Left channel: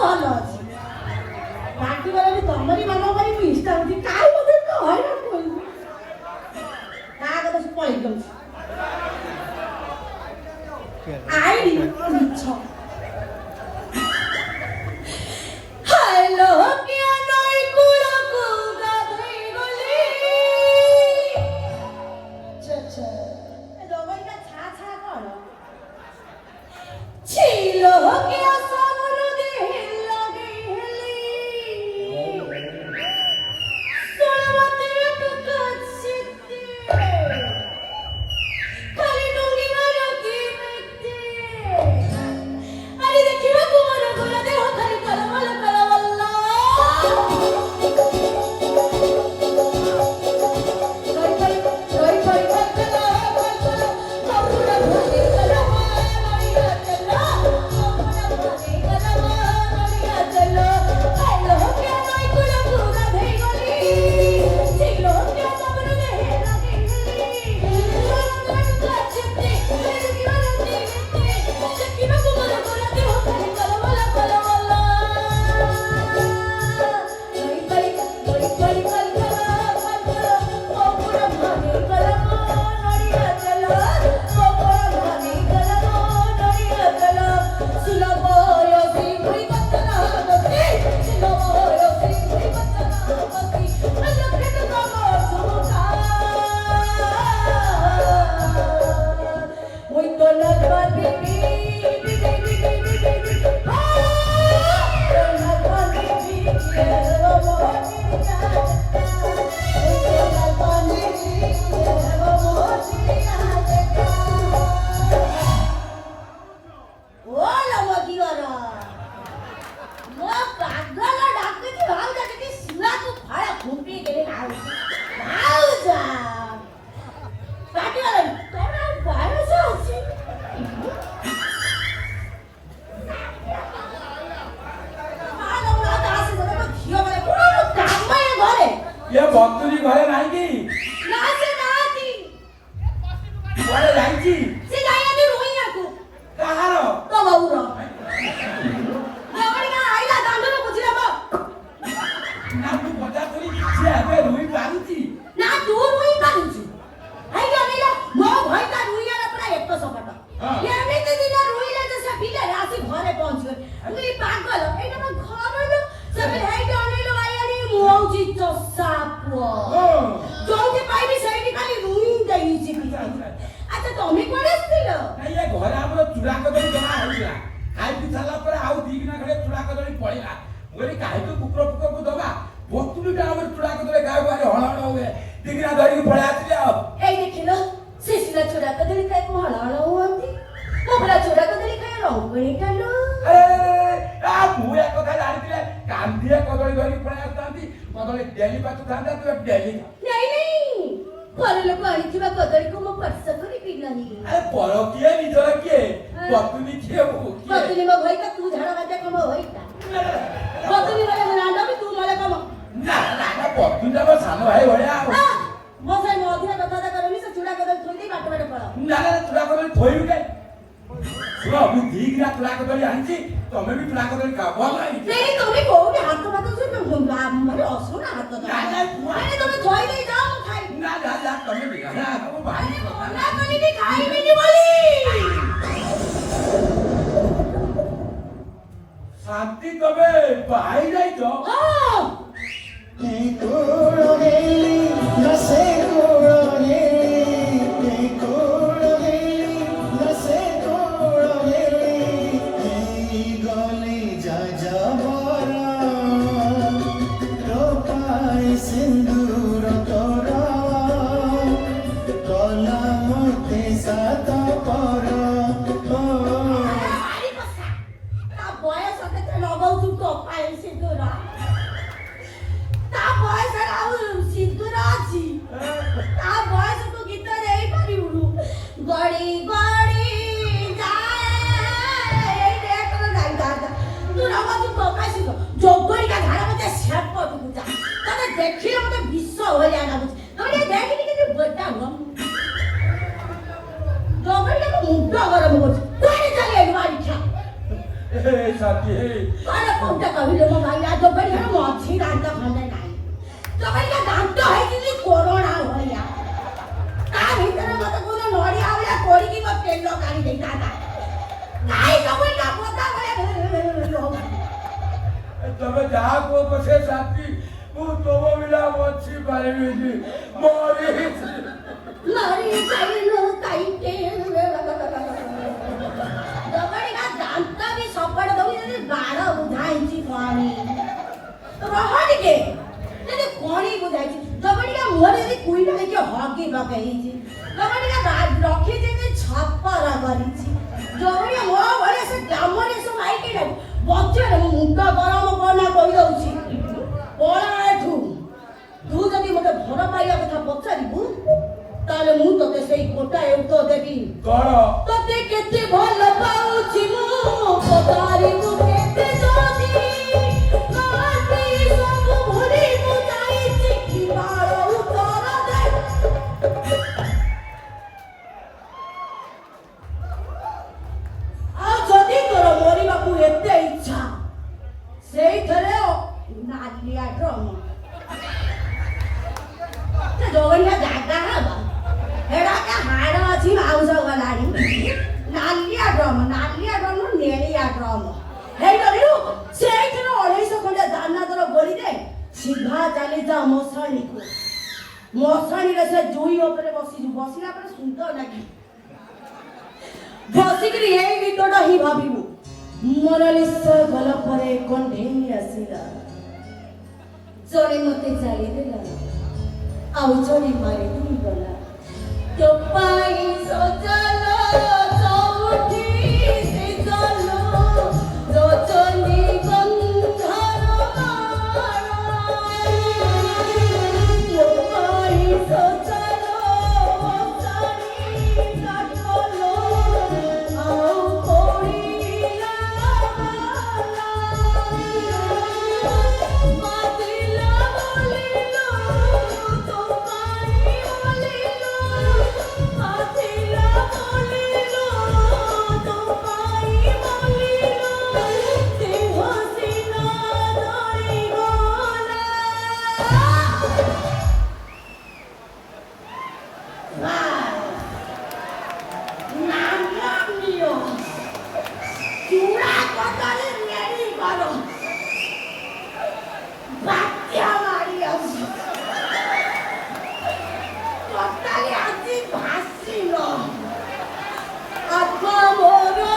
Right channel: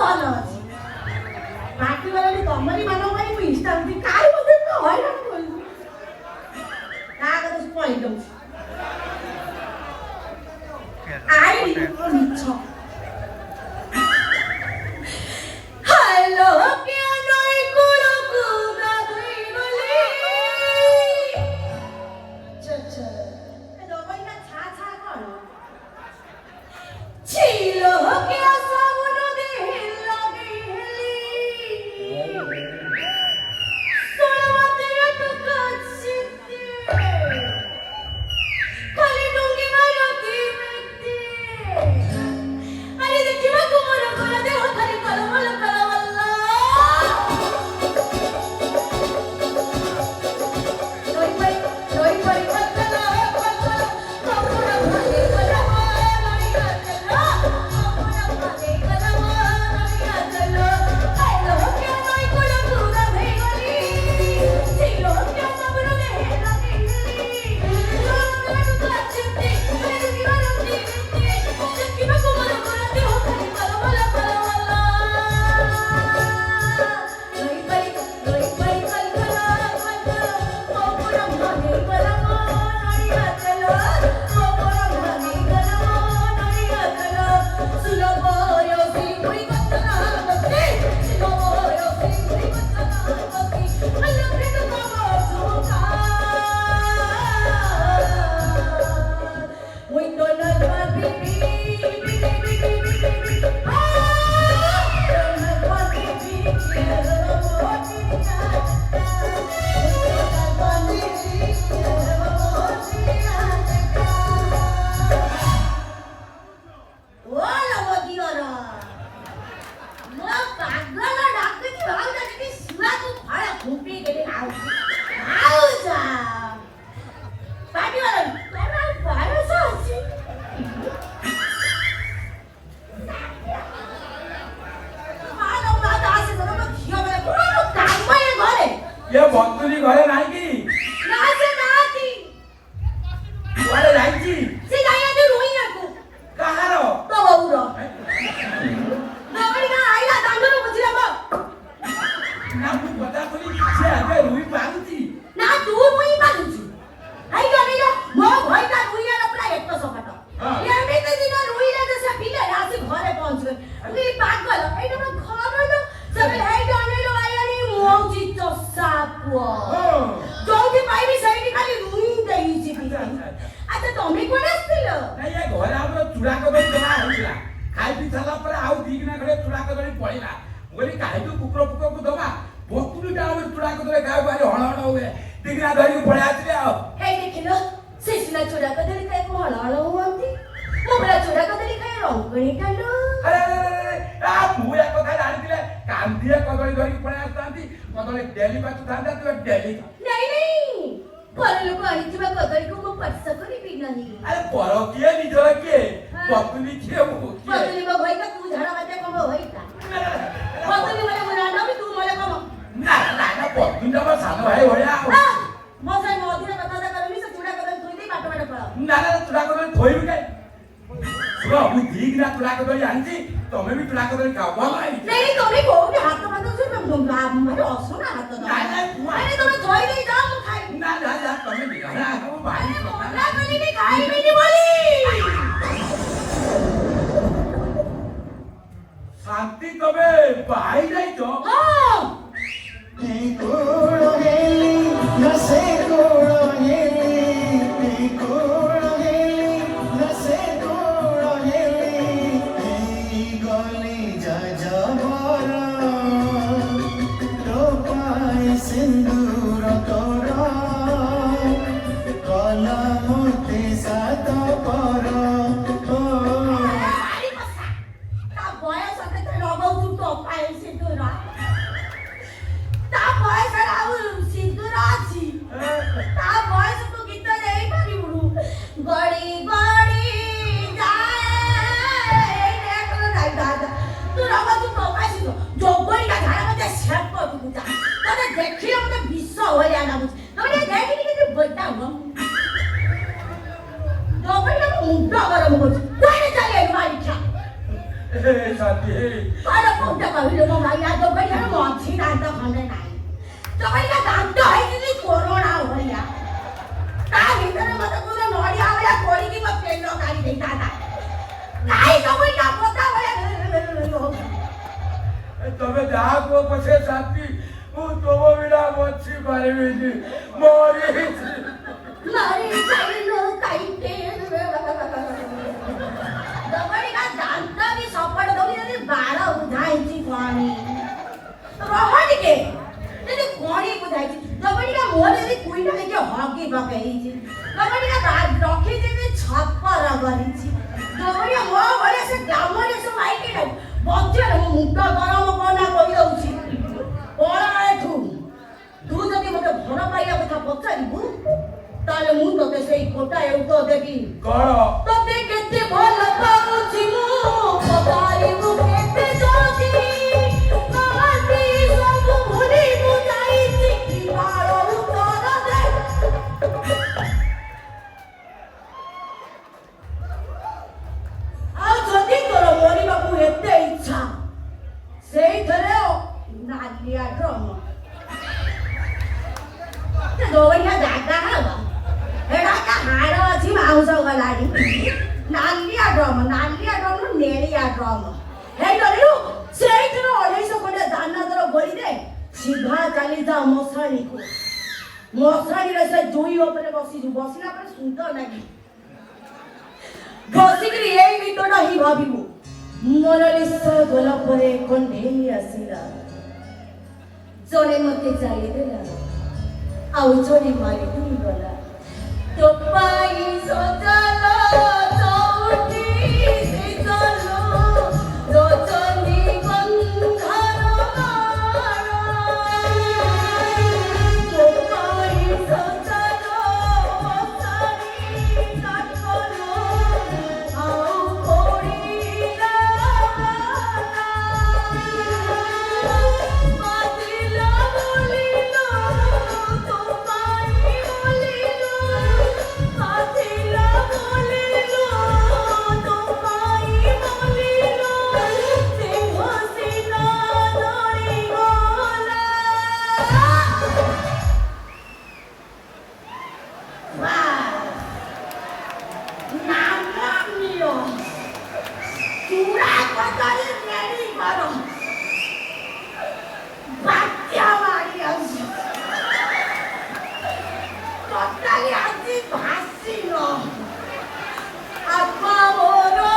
ଭଲ ଅଛି ବାକି ବେଲେ ତମରି ମାନଙ୍କ ପାଇଁ ମୁଁ ଇଷ୍ଟା ହଉଛି କାଇ ମତେ ତ ହଇରାଣ କରୁଛୁ ନା କଥା ପଳେଇ ଯାଉଛି ଆଇ ମିଛ ହ୍ୟାଲୋ କିଆ ନଈ କୂଳକୁ ଗାଧୋଇ ଗଲି ଚଚ ଏ ଦବାଇଟା ଛା ଛା କଣ ছিল কিয়া সাবন দেহে লাগি হেলি সোনাতে টুকাছিতে খালি ডুঙ্গি মারতি মেতে আরে দেখিবা তোমার গোলা দেহ খালি কলমল কলমল্লা রই পই কতলা কবুরা ভরে কলমা নড়িয়া চলা কবুরা ভরে কলমা নড়িয়া চলা আইলো কে নই কুলা কুলা ধই গলি ছিল কে সাবন দেহে লাগি হেলি কাচিতে আরে দেখিবা তোমার গোলা দেহ খালি কলমল কলমল্লা রই পই কতলা কবুরা ভরে কলমা নড়িয়া চলা কবুরা ভরে কলমা নড়িয়া চলা সুলভয় সিংহুই কতলা গতি সুলভয় সিংহুই কতলা গতি আলো প্রেম কমর ঝুমকা মই তো নগবা বিবি বিবি বিবি বিবি বিবি আ নগবা বিবি কেরো মোটি না নগবা বিবি কেরো মোটি না ওলা মদিওরা মো পাগলা ডাকতে ভাগ যাচ্ছে সুরা তো ভাড়া ঘুমপি গেলে আউ যা পাটিওলা তোরা ভাড়া আছে ভালো না আছে ধরো ঘিও বলে পুরো কামায় ঘরে ये बंतुरी घरे नाही की না সে নাতি घरे जाईची সে যাইয়া দি রইয়াকু काहारो তো বাবুরা আমারি না আইলা দাঙ্গল বুঝিলা বা ना तू पता तोरी से आबे रुई पागुची না তোর মুই মানুছি আই গলিলা মো ভয়টা রুইয়ার প্রায় একটু সপাটা এমনিতে দিন রুইলা যে সে বিলে আসি ঘরে পৌঁছবে আমি পাগল এটা না ঘর হইলো সবে হেই জানিলো আইয়ানি মৌজি তো সাপুয়া জলদি পাইবি সেইটি খালি রুই দেইছি আচ্ছা তুমি কোনে আসছিল नाही ये घरे हमरो चुडा कदळी जमा होइला खाइ पि साला पर आउ दिगना घरे चुडा कदळी पळिला बोली काहे तो कुकुर पुको को दबा बंतुरी टा हमर चुडा कदळी गाय बारे हळ हळ होवे दिगना धरी पळे आतले आ এই দেখিলো শিশিরা চোরা কদলি খাই হল হল হুঁতি মোবরা চোরা কদলি খাই রঙ্গনি খাইলো अरे आ मुया কথা জানিলে কান্দিয়া কদळी ধরি পळे আসতাंती কদळी डेली पातु थांदा तो डेली নাই নাই পরে লোক আনিଥିବା কদলিକୁ ମୁଁ ସ୍ପର୍ଶ କରି ପିଇଲାନି अरे पर किए निजर किए बंतुरी किए वो କଦଲି ମୋ ଭାଇଟା ତୁ ଝାଡା ବାଜା କମ ଭାଇଟା କଦଲି ରେ ବନାନା ବି ତୁ ମଳେ କମ ना ना ना बंतुरी का सानो भाई भଳିया ମୋ ଭାଇ ମଧୁର କଥା କରନି ସେ ଚୁଡା କଦଲି ଥୋଇ ଦେଇ ବାଟ ବାଟ ପଳାଅ ना ना चुडा कदळी थोइबी काय सुनो मु दिगना चुडा कदळी आंची तमे भी चुडा कदळी खाबो नाही নাই তুমি কোউଠି ହାତ ବାଟ ସେ ମାନେ ଅସୁନା ହାତ ଦା ନା ନା ଆରେ ତମେ ଥୋଇ ଦେଇ ଯାଅ ମୁଁ ଖାଇ ना ना ना तमे भी खाना वो भाई ମନା କଲିନି ଖାଇବିନି ବୋଲି शांति तमे भाई नहीं तो ହଁ ତା ବୟସ କେତେ ଲଗାଉଛୁ ତ शांति अरे कोणता कविलो मग या तो बढिया मोची दांत खंडे नाही तो बढिया दांत आहे की कोरोना होया का भीतर मत पुरे नोडी आवला कोडी की मग पेलो काढी देता ना नाही तो बढिया पोता बया तबे जाग को कसे शांति वो तो विला मोची पारे में मोरी मारी काईनो काईते दबडीला दांत मी सपड दउली बाळ उधायची कोणी रोहट के ने कोणी बुधायची दबडीला मोरे कुईना के हॉकी बकाईची दबडीला दाद रखी जे छप्पर गरिची दबडीला मो भले से गामरे सो आइके न बच्चे मुंडा गरम कोना कहि दउची कोना एठू तू जदी मते घर पाइया कथा पचारिबु ताले मु तते सेई कोटा एउतो देबी करो तते केते भल पाउची मु पतारी मु केते जोती काटी सब भुली मु जाईची की बाळो उतर दे आ जदी तोर मोरी बापू एते इच्छा सेई थरे नालिया ड्रम ते दोवैया जागा हवा हेडा का हाड अछि माउस गलाडी नालिया ड्रम नेलिया ड्रम हे डरियो सेई थरे 250 खंडे दाना तोर बोली दे सीधा चली जा मसाणी को मसाणी रे से जोई ऊपर बसिला पर सुंदर लागी बसिकरी एई वितोडा ही भाबिबो मोनालिसा गला परे कंढेई आसिला जोने मते चाली देला आउ जोने मारी तुम गला तो पाई सजलो चौठी से चलो दो चली गंधारो तो पाई सजलो सारी काटलो आउ कोड़ी मातिला बोलिलो तो पाई बोलिलो मातिला बोलिलो तो पाई बोलिलो सिंह सिना दई गोला नाम लियो चूड़ा पकड़ मेरी मारो बात्या मारी अछि पत्ताली आसी भासी नो आत्मा मोरो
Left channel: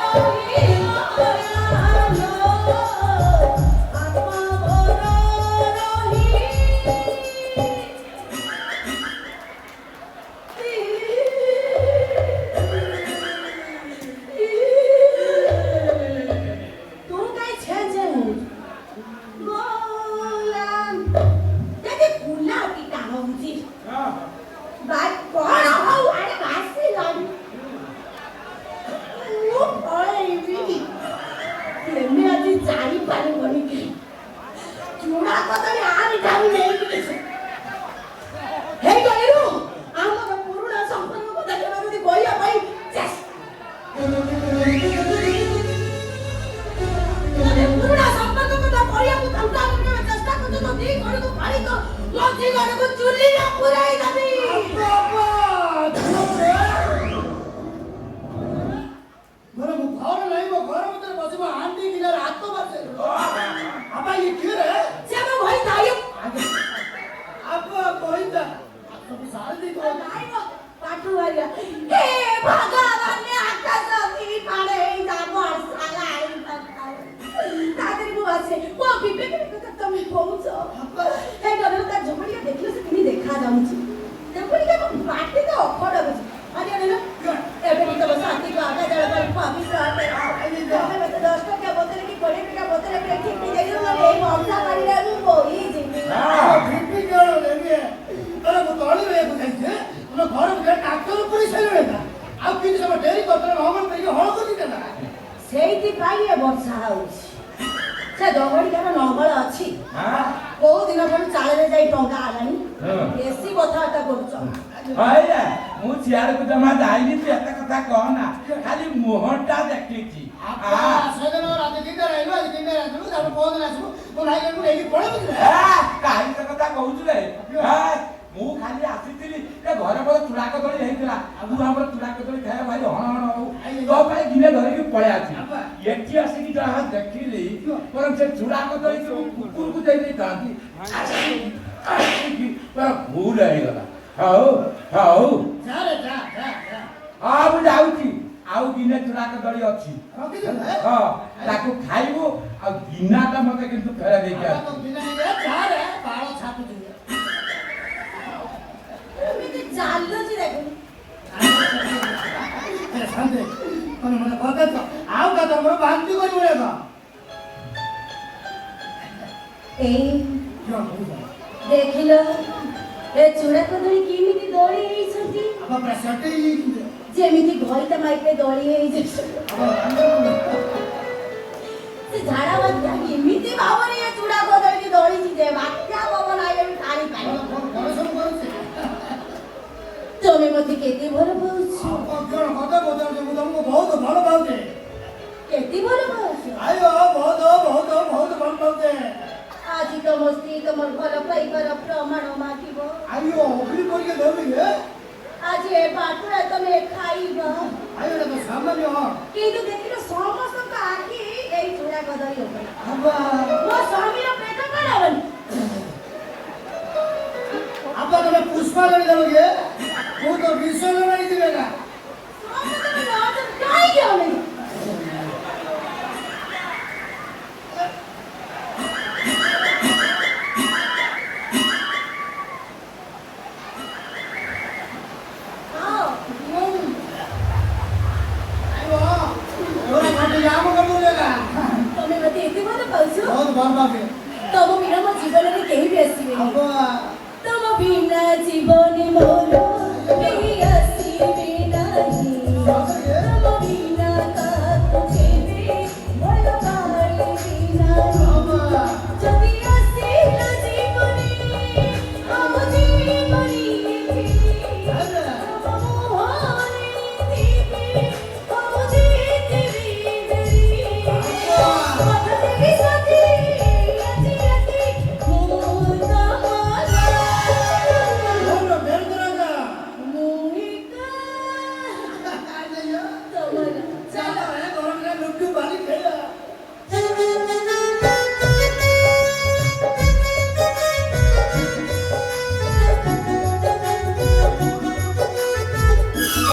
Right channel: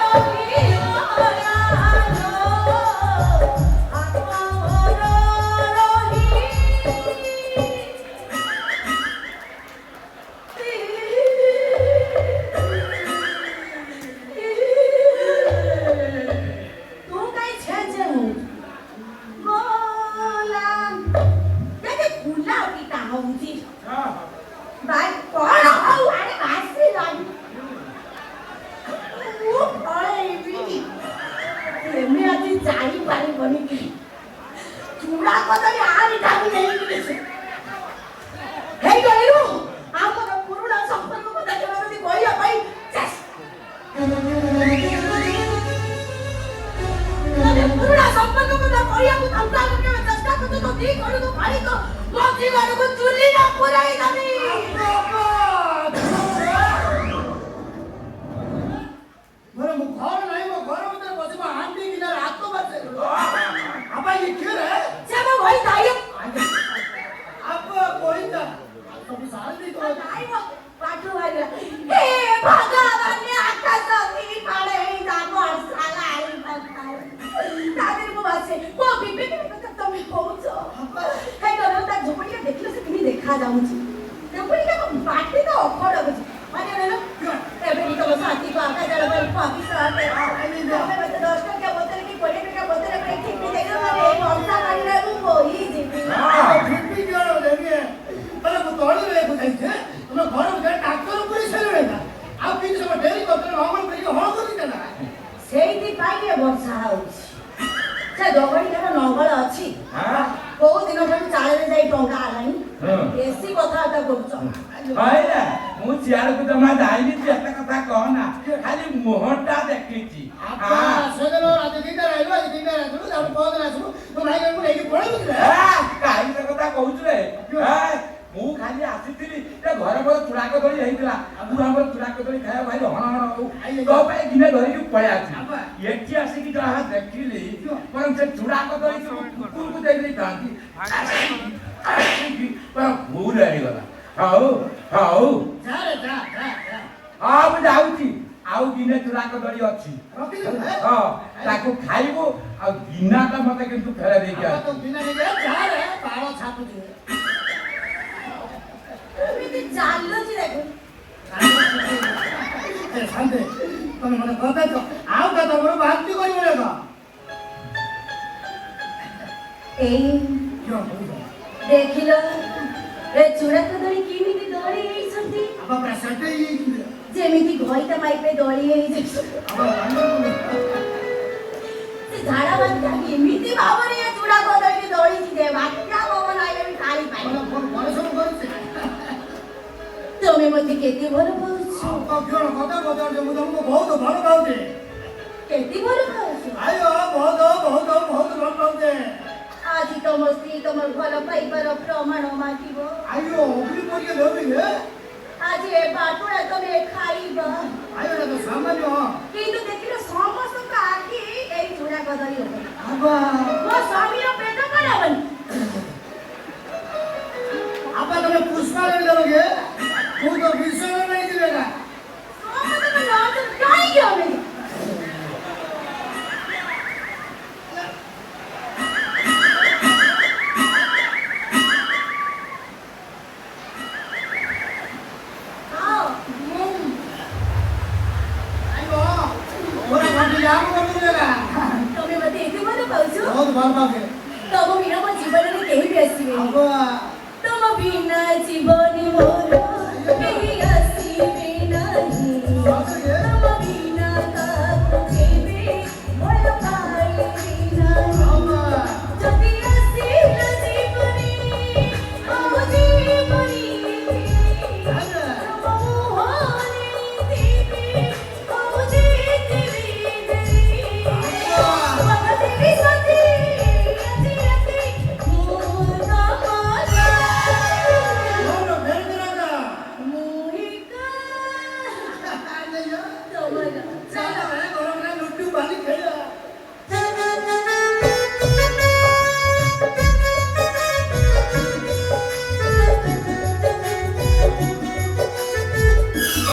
रहिलो यानो आत्मा मोरो तू काय छे बोला ते कुला की काम होती बाय कोण हो अरे भासी लागी ओ ओळेवी एमी आजी जाई पारी बनी की चूड़ा कतरी आरी जाऊ नेई हे गलेनु आमर पुरुणा संपर्क को देखला दी गोया भाई पुरुणा संपर्क को गोया को धंधा करने में चेष्टा करते तो दी कोन को पानी तो मोती गाने को चुल्ली ना पुराई दनी मेरे मुखार नहीं वो घर में तेरे बसी में आंटी की ना रात को बसे अब ये क्यों रे से मैं वही दाई अब कोई ना तो साल दी तो दाई वो पाटू वाला हे भगवान ने आकाश दी पाले जागो साला आई तादर को वासे वो बीबी तो मैं पहुंचो हे गलो ता झोपड़िया देखलो से किनी देखा जाउची झोपड़िया को बाटे तो अखड़ बस अरे रे एबे तो साथी को आका जरा पर पवित्र आते आई तो मैं तो दोस्तों क्या बोतल की पड़ी क्या बोतल में ठीक नहीं देख लो मैं मौसा कर रहा हूं कोई जिंदगी हां ठीक क्यों लेंगे अरे वो तोड़ी रे बताइए तुम घर में डॉक्टर को ही चले ना आप किन सब डेरी को तो नॉर्मल करके होड़ को नहीं देना ସେଇଥି ପାଇଁ ଏ ବର୍ଷା ହଉଛି ସେ ଜଗଡିକାର ନଙ୍ଗଳ ଅଛି କୋଉ ଦିନ ଠାରୁ ଚାଳରେ ଯାଇ ଟଙ୍କା ଆଲାଣି ବେଶୀ କଥାବାର୍ତ୍ତା କରୁଛ ଆଇଲା ମୁଁ ସିଆଡକୁ ଜମା ଯାଇନି ତୁ ଏତେ କଥା କହନା ଖାଲି ମୁହଁଟା ଦେଖିଛି आप सेजन तो भाई गिने धरी पड़े आछि एठी आसी कि जहा देखिली परम से चूड़ा कदली कुकुर को दे थांती पर भूल है गला हाउ जा रे जा अब जाउची आउ गिने चूड़ा कदली अछि हां ताको खाइबो आ गिना का मते किंतु फेरा दे के तो बिना ये जा रे बाळो छापु दे ଏମିତି ଚାଲୁଛି ଦେଖ ए शांते पण मला बघत आव का तमरो बांती कोई मिळे का ଏଇ यो ଦେଖିଲ ଏ ଚୂଡ଼ା କଦଳୀ କେମିତି ଦଳି ହେଇଛନ୍ତି अब प्रसटे ଯେମିତି ଘଇତା ମାଇପେ ଦଳି ହେଇଯାଇଛି अब ସେ ଝାଡ଼ା ବାନ୍ତି ଏମିତି ଭାବରେ ଏ ଚୂଡ଼ା କଦଳୀ ଦଳିଛି ଯେ ବାତ୍ୟା ପବନ ଆଇଲେ ବି ଖାଇ ପାରିବ परसम करते ତମେ ମତେ କେତେ ଭଲ ପାଉଛ अब क्यों कथा बदल दे मुझे बहुत भलो पाउते କେତେ ଭଲ ପାଉଛ आयो बहुत भलो पाउते ଆଜି ତମ ସ୍ତ୍ରୀ ତମର ଭଲ ପାଇବାର ପ୍ରମାଣ ମାଗିବ आयो ओपरी कोई लोग नहीं है ଆଜି ଏ ବାଟୁଡ଼ା ତମେ ଖାଇବ आयो ना सामान्य